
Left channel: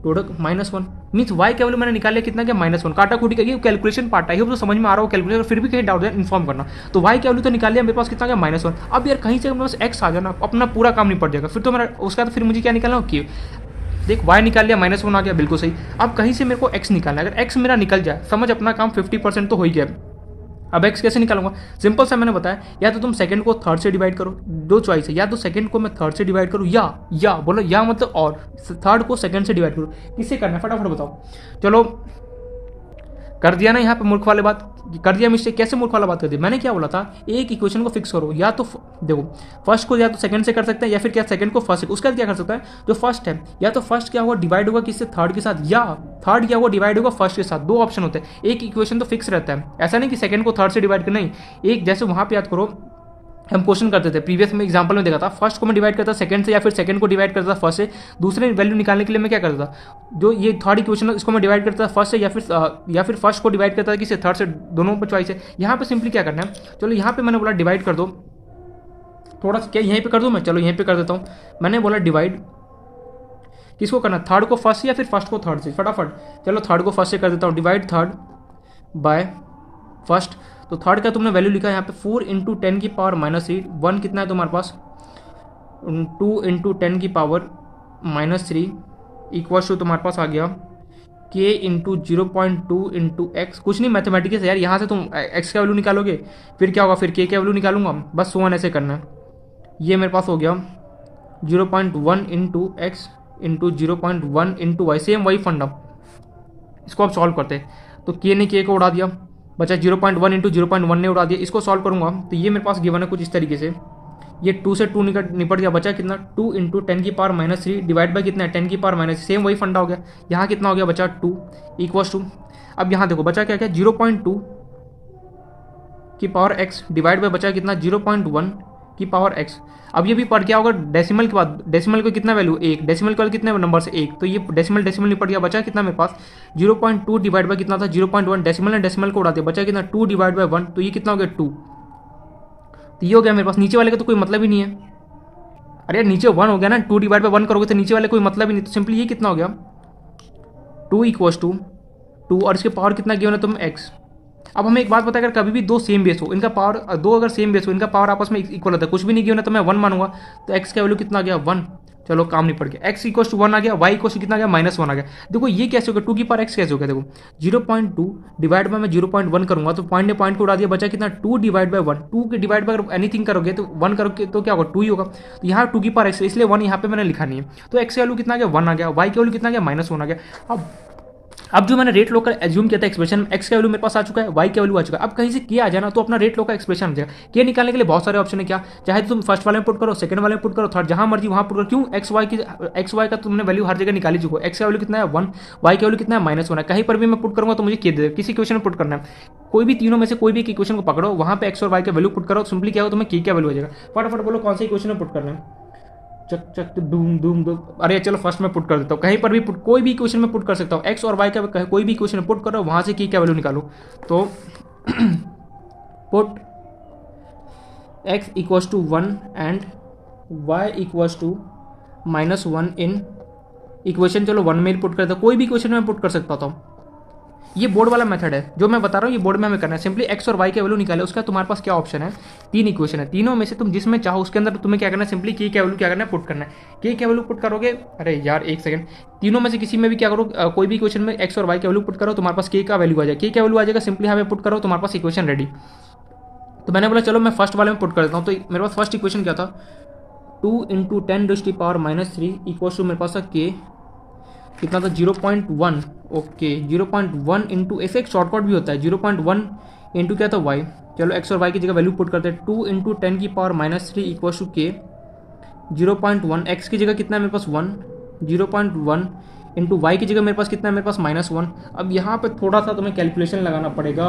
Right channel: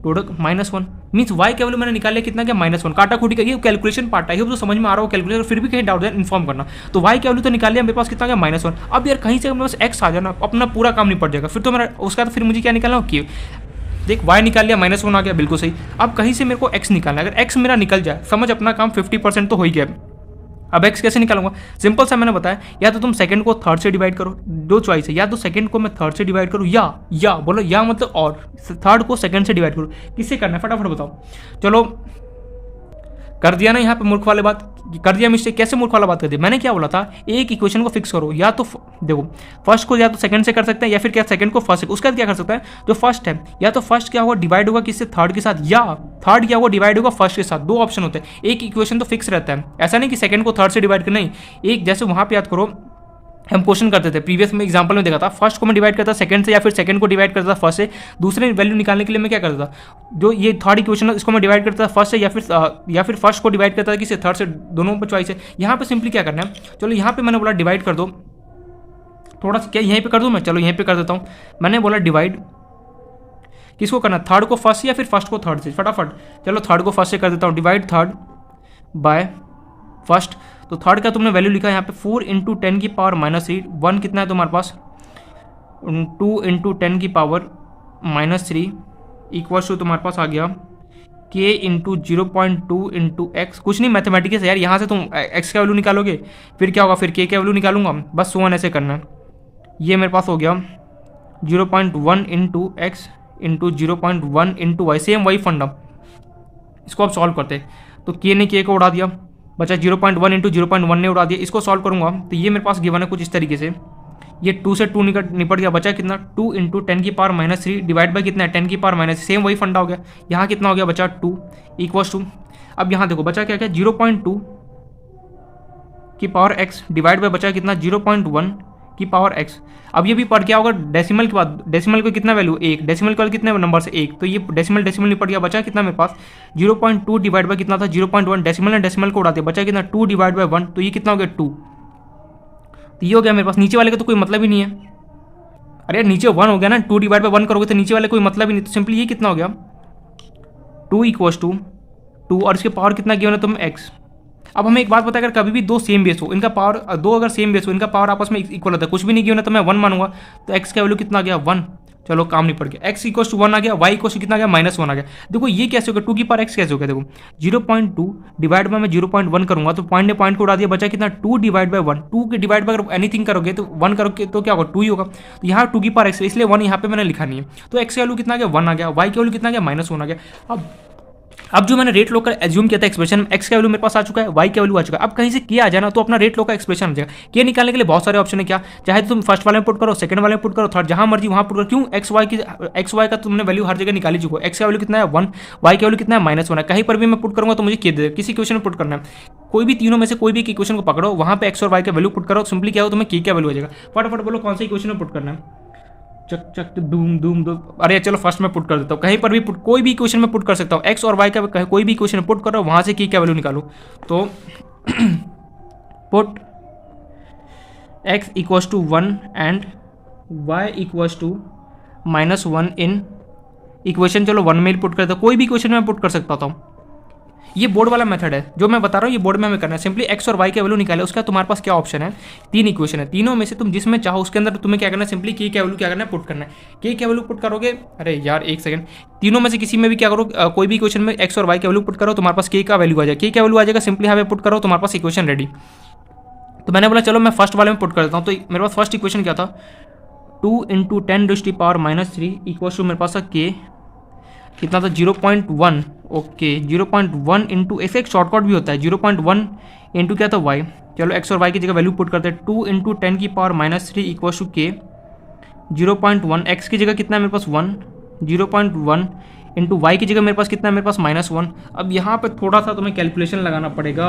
प्रोडक्ट -1। मीन्स y का वैल्यू मैंने निकाल लिया कितना क्या -1। काटा खूटी करिए, कैलकुलेशन पार्ट है, तो समझ में आ रहा हो कैलकुलेशन, फिर भी कहीं डाउट है इन्फॉर्म करना। तो y का वैल्यू तो निकाल लिया, मेरे पास कितना क्या -1। अब यार कहीं से मेरे पास x आ जाना, अपना पूरा काम निपट जाएगा। फिर तो मेरा उसका फिर मुझे क्या निकालना हो कि देख y निकाल लिया -1 आ गया, बिल्कुल सही। अब कहीं से मेरे को x निकालना है, अगर x मेरा निकल जाए समझ अपना काम 50% तो हो ही गया। अब x कैसे निकालूंगा, सिंपल सा मैंने बताया, या तो तुम सेकंड को थर्ड से डिवाइड करो, दो चॉइस है, या तो सेकंड को मैं थर्ड से डिवाइड करूँ या बोलो या मतलब और थर्ड को सेकंड से डिवाइड करूँ। किससे करना है फटाफट बताओ। चलो कर दिया ना यहाँ पे मूर्ख वाले बात, कर दिया मिस्टेक। कैसे मूर्ख वाला बात कर दी, मैंने क्या बोला था एक इक्वेशन को फिक्स करो, या तो देखो फर्स्ट को या तो सेकंड से कर सकते हैं या फिर क्या सेकंड को फर्स्ट से। उसके बाद क्या कर सकता है जो फर्स्ट है, या तो फर्स्ट क्या होगा डिवाइड होगा किससे थर्ड के साथ, या थर्ड क्या होगा डिवाइड होगा फर्स्ट के साथ। दो ऑप्शन होते हैं, एक इक्वेशन तो फिक्स रहता है, ऐसा नहीं कि सेकंड को थर्ड से डिवाइड करना ही। एक जैसे वहाँ पे याद करो हम क्वेश्चन करते थे प्रीवियस में एग्जांपल में देखा था, फर्स्ट को मैं डिवाइड करता सेकंड से या फिर सेकंड को डिवाइड करता फर्स्ट से। दूसरे वैल्यू निकालने के लिए मैं क्या करता था, जो ये थर्ड इक्वेशन है इसको मैं डिवाइड करता था फर्स्ट से या फिर फर्स्ट को डिवाइड करता था किससे थर्ड से। दोनों पर चॉइस है। यहाँ पे सिंपली क्या करना है, चलो यहाँ पे मैंने बोला डिवाइड कर दो, थोड़ा सा क्या यहीं पर कर दूँ मैं, चलो यहीं पर कर देता हूँ। मैंने बोला डिवाइड किसको करना, थर्ड को फर्स्ट या फिर फर्स्ट को थर्ड से, फटाफट चलो थर्ड को फर्स्ट से कर देता हूँ। डिवाइड थर्ड बाय फर्स्ट, तो थर्ड का तुमने वैल्यू लिखा है यहाँ पे 4 इंटू 10 की पावर -3, 1 कितना है तुम्हारे पास 2 इंटू 10 की पावर -3 इक्वल्स टू तुम्हारे पास आ गया k इंटू 0.2 इंटू एक्स। कुछ नहीं मैथमेटिक्स है यार, यहाँ से तुम x का वैल्यू निकालोगे फिर क्या होगा, फिर k का वैल्यू निकालूंगा, बस 1 ऐसे करना है। ये मेरे पास हो गया 0.1 into x into 0.1 into y, same वही फंडा। इसको आप सॉल्व करते तो k ने k को उड़ा दिया, बचा 0.1 इंटू 0.1 ने उड़ा दिया। इसको सॉल्व करूंगा तो ये मेरे पास गिवन है कुछ इस तरीके से, ये 2 से 2 निपट गया, बचा कितना 2 इंटू 10 की पावर -3 डिवाइड बाई कितना है 10 की पावर -3, सेम वही फंडा हो गया। यहाँ कितना हो गया बचा 2 इक्वल्स टू, अब यहाँ देखो बचा क्या क्या 0.2 की पावर x डिवाइड बाई बचा कितना 0.1 की पावर x। अब ये भी पढ़ क्या होगा डेसिमल के बाद, डेसिमल को कितना वैल्यू 1, डेसिमल का कितने नंबर से 1, तो ये डेसिमल निपट गया, बचा कितना मेरे पास 0.2 डिवाइड बाई कितना था 0.1, डेसिमल ने डेसिमल को उड़ा दिया, बचा कितना 2 डिवाइड बाई 1, तो ये कितना हो गया 2। तो ये हो गया मेरे पास, नीचे वाले का तो कोई मतलब ही नहीं है। अरे नीचे 1 हो गया ना, 2 डिवाइड बाई 1 करोगे तो नीचे वाले कोई मतलब ही नहीं, तो सिंपली ये कितना हो गया 2 इक्वल्स टू 2 और इसके पावर कितना गिवन है तुम्हें x। अब हमें एक बात पता है, अगर कभी भी दो सेम बेस हो, इनका पावर दो अगर सेम बेस हो, इनका पावर आपस में इक्वल होता है, कुछ भी नहीं गिवन है तो मैं 1 मानूंगा, तो x का वैल्यू कितना गया 1। चलो काम नहीं पड़ गया, x इक्वल टू 1 आ गया, y इक्वल टू कितना आ गया -1 आ गया। देखो ये कैसे हो गया, 2 की पावर x कैसे हो गया, देखो 0.2 डिवाइड बाय मैं 0.1 करूंगा तो पॉइंट ने पॉइंट को उड़ा दिया, बचा कितना 2 डिवाइड बाय 1। 2 के डिवाइड बाय एनीथिंग करोगे तो 1 करोगे तो क्या होगा 2 ही होगा। तो यहाँ 2 की पावर x इसलिए 1 यहाँ पे मैंने लिखा नहीं है। तो x का वैल्यू कितना आ गया 1 आ गया, y का वैल्यू कितना आ गया -1 आ गया। अब जो मैंने रेट लॉ का एज्यूम किया था एक्सप्रेशन, x का वैल्यू मेरे पास आ चुका है, y का वैल्यू आ चुका है। अब कहीं से किया आ जाना तो अपना रेट लॉ का एक्सप्रेशन आ जाएगा। के निकालने के लिए बहुत सारे ऑप्शन है, क्या चाहे तुम फर्स्ट वाले में पुट करो, सेकंड वाले में पुट करो, थर्ड जहां मर्जी वहां पुट करो। क्यों एक्स वाई का तुमने वैल्यू हर जगह निकाली चुको। x का वैल्यू कितना है 1, y का वैल्यू कितना है -1 है। कहीं पर भी मैं पुट करूंगा तो मुझे के दे, किसी क्वेश्चन में पुट करना है, कोई भी तीनों में से कोई भी इक्वेशन को पकड़ो, वहां पे x और y का वैल्यू पुट करो, सिंपली क्या हो तुम्हें के का वैल्यू आ जाएगा। फटाफट बोलो कौन सा इक्वेशन में पुट करना है, चक चक डूम डूम डूम। अरे चलो फर्स्ट में पुट कर देता हूँ, कहीं पर भी पुट, कोई भी इक्वेशन में पुट कर सकता हूँ। एक्स और वाई का कोई भी इक्वेशन में पुट करो, वहां से की क्या वैल्यू निकालो। तो put x equals to 1 and y equals to -1 in equation, चलो 1 में पुट करता हूँ, कोई भी इक्वेशन में पुट कर सकता था। ये बोर्ड वाला मेथड है जो मैं बता रहा हूँ, ये बोर्ड में हमें करना है। सिंपली एक्स और वाई के वैल्यू निकाले, उसका तुम्हारे पास क्या ऑप्शन है, 3 इक्वेशन है, तीनों में से तुम जिसमें चाहो उसके अंदर तुम्हें क्या करना है, सिंपली के वैल्यू क्या करना है पुट करना है। के वैल्यू पुट करोगे, अरे यार एक सेकंड, तीनों में से किसी में भी क्या करो, कोई भी इक्वेशन में एक्स और वाई का वैल्यू पुट करो, तुम्हारे पास के का वैल्यू आ जाएगा। के का वैल्यू आ जाएगा, सिंपली यहाँ पे पुट करो, तुम्हारे पास इक्वेशन रेडी। तो मैंने बोला चलो मैं फर्स्ट वाले में पुट कर देता हूँ। तो मेरे पास फर्स्ट इक्वेशन क्या था, 2 × 10⁻³ इक्वल्स टू मेरे पास के कितना था 0.1। ओके 0.1 इंटू, ऐसे एक शॉर्टकट भी होता है 0.1 इंटू क्या था y। चलो x और y की जगह वैल्यू पुट करते हैं, 2 × 10⁻³ इक्वल्स टू के 0.1। x की जगह कितना है मेरे पास 1, 0.1 इंटू y की जगह मेरे पास कितना है, मेरे पास -1। अब यहाँ पे थोड़ा सा तुम्हें कैलकुलेशन लगाना पड़ेगा,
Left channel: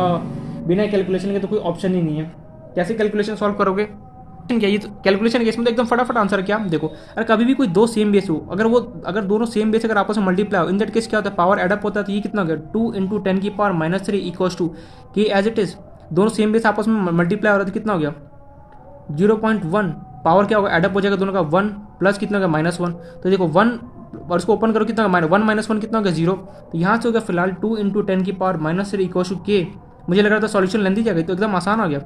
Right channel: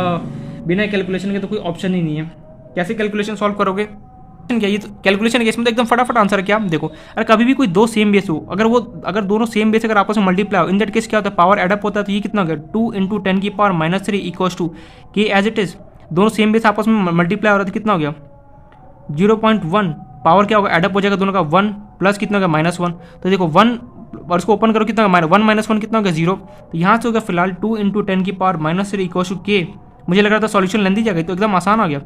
बिना कैलकुलेशन के तो कोई ऑप्शन ही नहीं है। कैसे कैलकुलेशन सॉल्व करोगे, क्या ये तो कैलकुलेशन केस में तो एकदम फटाफट आंसर क्या देखो। अरे कभी भी कोई दो सेम बेस हो, अगर दोनों सेम बेस अगर आपस में मल्टीप्लाई हो, इन दैट केस क्या होता है, पावर एडअप होता है। तो ये कितना हो गया 2 × 10⁻³ इक्वल्स टू के एज इट इज, दोनों सेम बेस आपस में मल्टीप्लाई हो रहा था, कितना हो गया 0.1। पावर क्या होगा, एडअप हो जाएगा दोनों का 1 प्लस कितना होगा -1। तो देखो 1 और इसको ओपन करो, कितना होगा 1 - 1 कितना होगा 0। तो यहाँ से होगा फिलहाल 2 × 10⁻³ इक्वल्स टू के। मुझे लग रहा था सॉल्यूशन लेंदी जाएगी, तो एकदम आसान हो गया।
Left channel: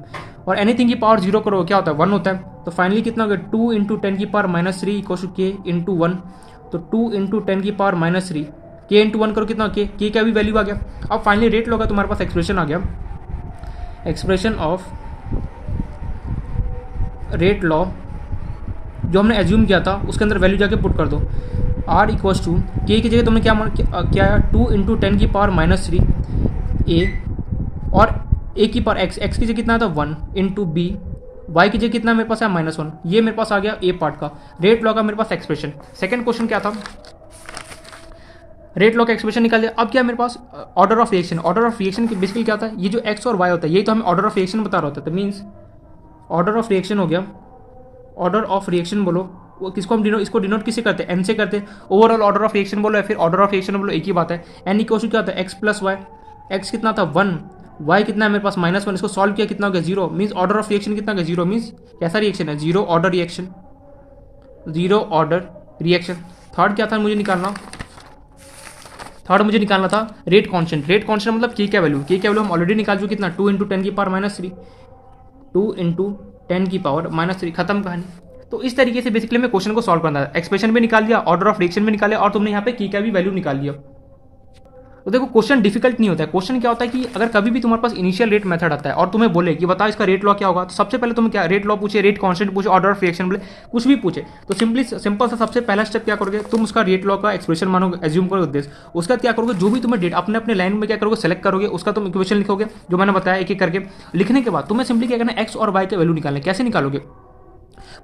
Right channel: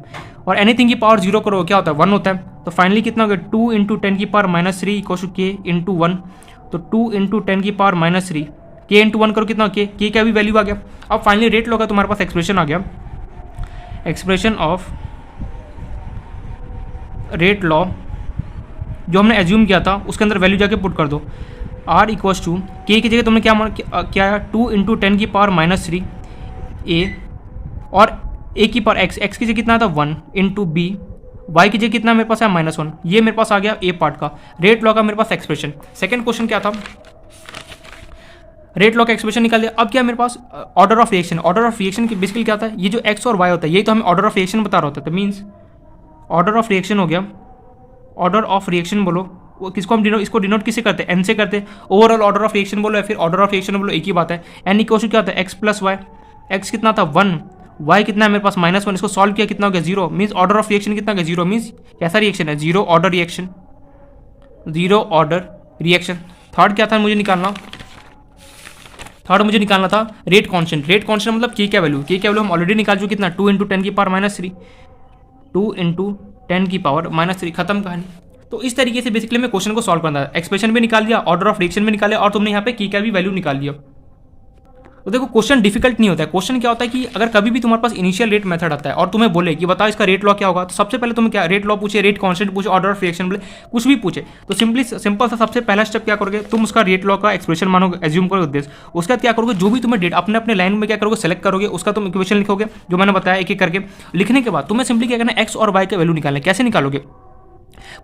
और एनीथिंग की पावर 0 करो क्या होता है 1 होता है। तो फाइनली कितना हो गया 2 × 10⁻³ इक्वल्स टू के इंटू 1। तो 2 × 10⁻³ के इंटू 1 करो, कितना के का भी वैल्यू आ गया। अब फाइनली रेट लो का तुम्हारे पास एक्सप्रेशन आ गया, एक्सप्रेशन ऑफ रेट लॉ जो हमने एज्यूम किया था उसके अंदर वैल्यू जाके पुट कर दो। r इक्वल्स टू के की जगह तुमने क्या आया 2 × 10⁻³ a और a की पावर x की जगह कितना था 1 इंटू b, y की जगह कितना मेरे पास है -1। ये मेरे पास आ गया a पार्ट का रेट लॉ का मेरे पास एक्सप्रेशन। सेकंड क्वेश्चन क्या था, रेट लॉ का एक्सप्रेशन निकाल दिया। अब क्या मेरे पास order of reaction, order of reaction की बेसिकली क्या होता है, ये जो x और y होता है यही तो हमें ऑर्डर ऑफ रिएक्शन बता रहा होता है। तो मीन्स ऑर्डर ऑफ रिएक्शन हो गया, ऑर्डर ऑफ रिएक्शन बोलो किसको हम इसको डिनोट किसे करते हैं, n से करते हैं। ओवरऑल ऑर्डर ऑफ रिएक्शन बोलो या फिर ऑर्डर ऑफ रिएक्शन बोलो, एक ही बात है। n इक्वल टू क्या होता है x प्लस वाई, x कितना था 1, y कितना है मेरे पास -1। इसको सॉल्व किया कितना हो गया 0। मीन्स ऑर्डर ऑफ रिएक्शन कितना गया 0। मीन्स कैसा रिएक्शन है, 0 order reaction, 0 order reaction. Third क्या था मुझे निकालना, थर्ड मुझे निकालना था रेट कांस्टेंट। रेट कांस्टेंट मतलब के क्या वैल्यू, के क्या वैल्यू हम ऑलरेडी निकाल चुके, कितना 2 × 10⁻³, 2 × 10⁻³ खत्म कहानी। तो इस तरीके से बेसिकली मैं क्वेश्चन को सॉल्व करना है। एक्सप्रेशन भी निकाल दिया, ऑर्डर ऑफ रिएक्शन भी निकाले और तुमने यहाँ पे की का भी वैल्यू निकाल दिया। तो देखो क्वेश्चन डिफिकल्ट नहीं होता है। क्वेश्चन क्या होता है कि अगर कभी भी तुम्हारे पास इनिशियल रेट मेथड आता है और तुम्हें बोले कि बताओ इसका रेट लॉ क्या होगा, तो सबसे पहले तुम्हें क्या रेट लॉ पूछे, रेट कांस्टेंट पूछे, ऑर्डर ऑफ रिएक्शन बोले, कुछ भी पूछे तो सिंपल सा सबसे पहला स्टेप क्या करोगे, तुम उसका रेट लॉ का एक्सप्रेशन मानोगे, एज्यूम करोगे उद्देश्य। उसके बाद क्या करोगे, जो भी तुम्हें डेट अपने अपने लाइन में क्या करोगे सेलेक्ट करोगे, उसका तुम इक्वेशन लिखोगे जो मैंने बताया एक एक करके। लिखने के बाद तुम्हें सिंपली क्या करना है, एक्स और वाई का वैल्यू निकालना है। कैसे निकालोगे,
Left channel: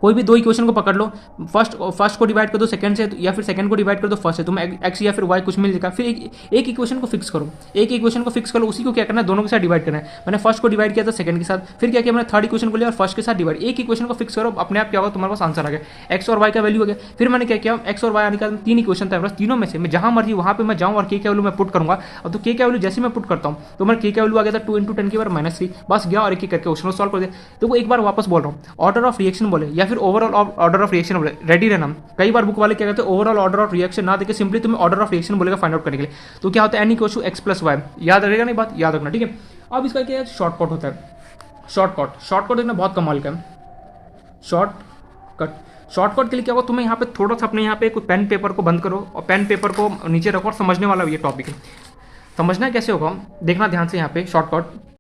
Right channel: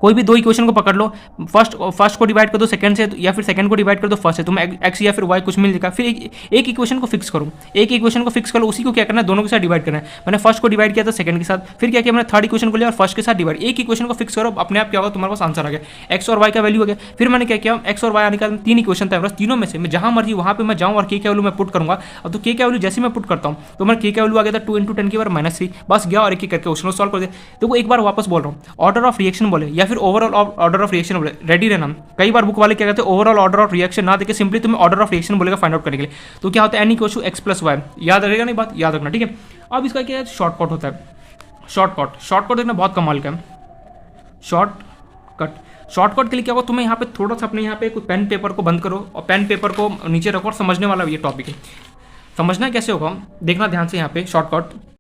कोई भी दो इक्वेशन को पकड़ लो, फर्स्ट को डिवाइड कर दो सेकंड से या फिर सेकंड को डिवाइड कर दो फर्स्ट से, तुम्हें एक्स या फिर वाई कुछ मिल जाएगा। फिर एक इक्वेशन को फिक्स करो, एक इक्वेशन को फिक्स करो, उसी को क्या करना है दोनों के साथ डिवाइड करना है। मैंने फर्स्ट को डिवाइड किया था सेकंड के साथ, फिर क्या किया मैंने थर्ड इक्वेशन को लिया और फर्स्ट के साथ डिवाइड। एक इक्वेशन को फिक्स करो, अपने आप क्या होगा तुम्हारे पास आंसर आ गया, एक्स और वाई का वैल्यू हो गया। फिर मैंने क्या किया, एक्स और वाई आने का 3 इक्वेशन था, बस तीनों में से मैं जहां मर्जी वहां पे मैं जाऊं और के का वैल्यू मैं पुट करूंगा। अब तो के का वैल्यू जैसे मैं पुट करता हूं तो मेरा के का वैल्यू आ गया था 2 × 10⁻³ बस गया और एक एक करके क्वेश्चन सॉल्व कर दिया। देखो एक बार वापस बोल रहा हूं, ऑर्डर ऑफ रिएक्शन बोले या फिर ओवरऑल ऑर्डर ऑफ रिएक्शन बोले, रेडी रहना। कई बार बुक वाले क्या कहते हैं ओवरऑल ऑर्डर ऑफ रिएक्शन ना देके सिंपली तुम्हें ऑर्डर ऑफ रिएक्शन बोलेगा फाइंड आउट करने के लिए। तो क्या होता है n = x + y, याद रहेगा नहीं बात, याद रखना ठीक है। अब इसका क्या है शॉर्टकट होता है, शॉर्टकट देखना बहुत कमाल का है, शॉर्टकट। शॉर्टकट के लिए क्या होगा, तुम्हें यहाँ पे थोड़ा सा अपने यहाँ पे पेन पेपर को बंद करो और पेन पेपर को नीचे रखो और समझने वाला ये टॉपिक है। समझना कैसे होगा, देखना ध्यान से यहाँ पे शॉर्टकट।